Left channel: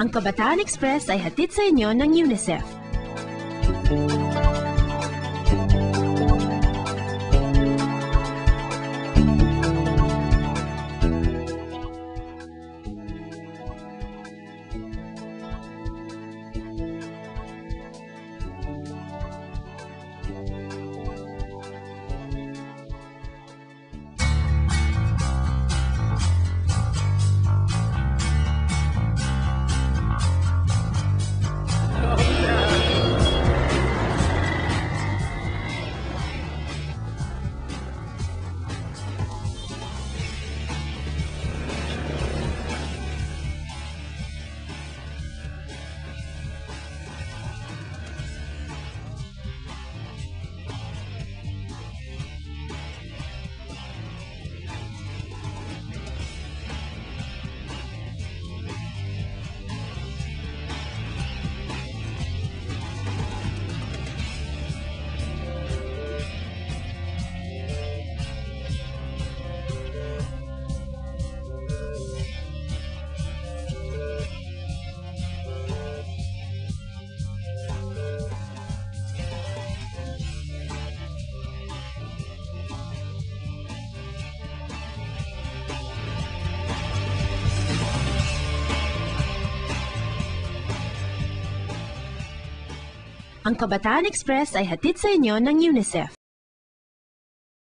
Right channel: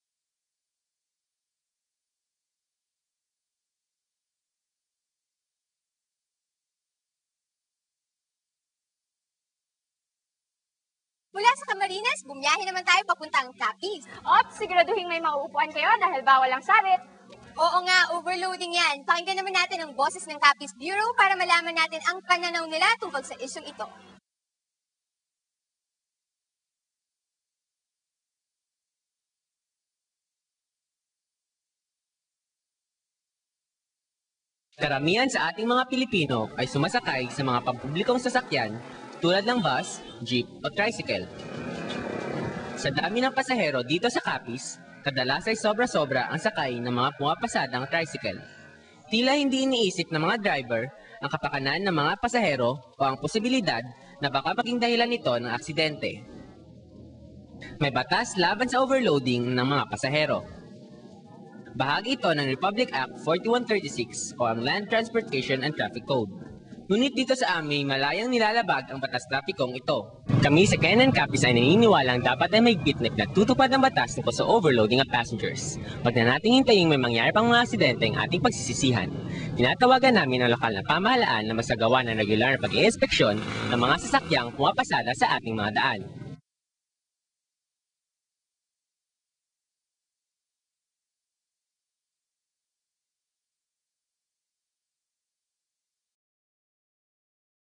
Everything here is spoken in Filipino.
Ang Kabataan Express ay hatid sa inyo ng UNICEF. Mula sa Camarines, bumiyahe naman tayo papuntang Capiz. Ops, siguraduhin may mauupuan kayo dahil bawal ang sabit. Oo nga, overloading yan. Pakinggan naman natin ang boses ng Capiz Bureau para malaman natin ang pananaw nila tungkol sa isyong ito. Karamihan sa ating mga Pilipino ay sumasakay sa mga pampublikong sasakyan tulad ng bus, jeep o tricycle. Sa dami ng pasahero dito sa Capiz, kadalas ay sobra-sobra ang sakay ng mga pumapasadang tricycle. Tila hindi iniisip ng mga driver ang kapakanan ng mga pasahero o ang posibilidad na baka maging dahilan nito ng aksidente. May batas laban sa overloading ng mga pasahero. Bahagi ito ng Republic Act 4136 o ang Land Transportation and Traffic Code. Ngunit dito sa amin, malayang nilalabag ang batas trapikong ito. Kami sa Kenan Capiz ay naniniwalang dapat ay may gitnit na tutupad ang batas tungkol sa overloading of passengers. Huwag na nating hintayin may mangyari pang mga aksidente ang ating pagsisisihan. Tinatawagan namin ang lokal na pamahalaan na masagawa ng regular na pag-iinspeksyon ng mga sasakyang pumapasada sa ating mga daan. Ang Kabataan Express ay hatid sa inyo ng UNICEF.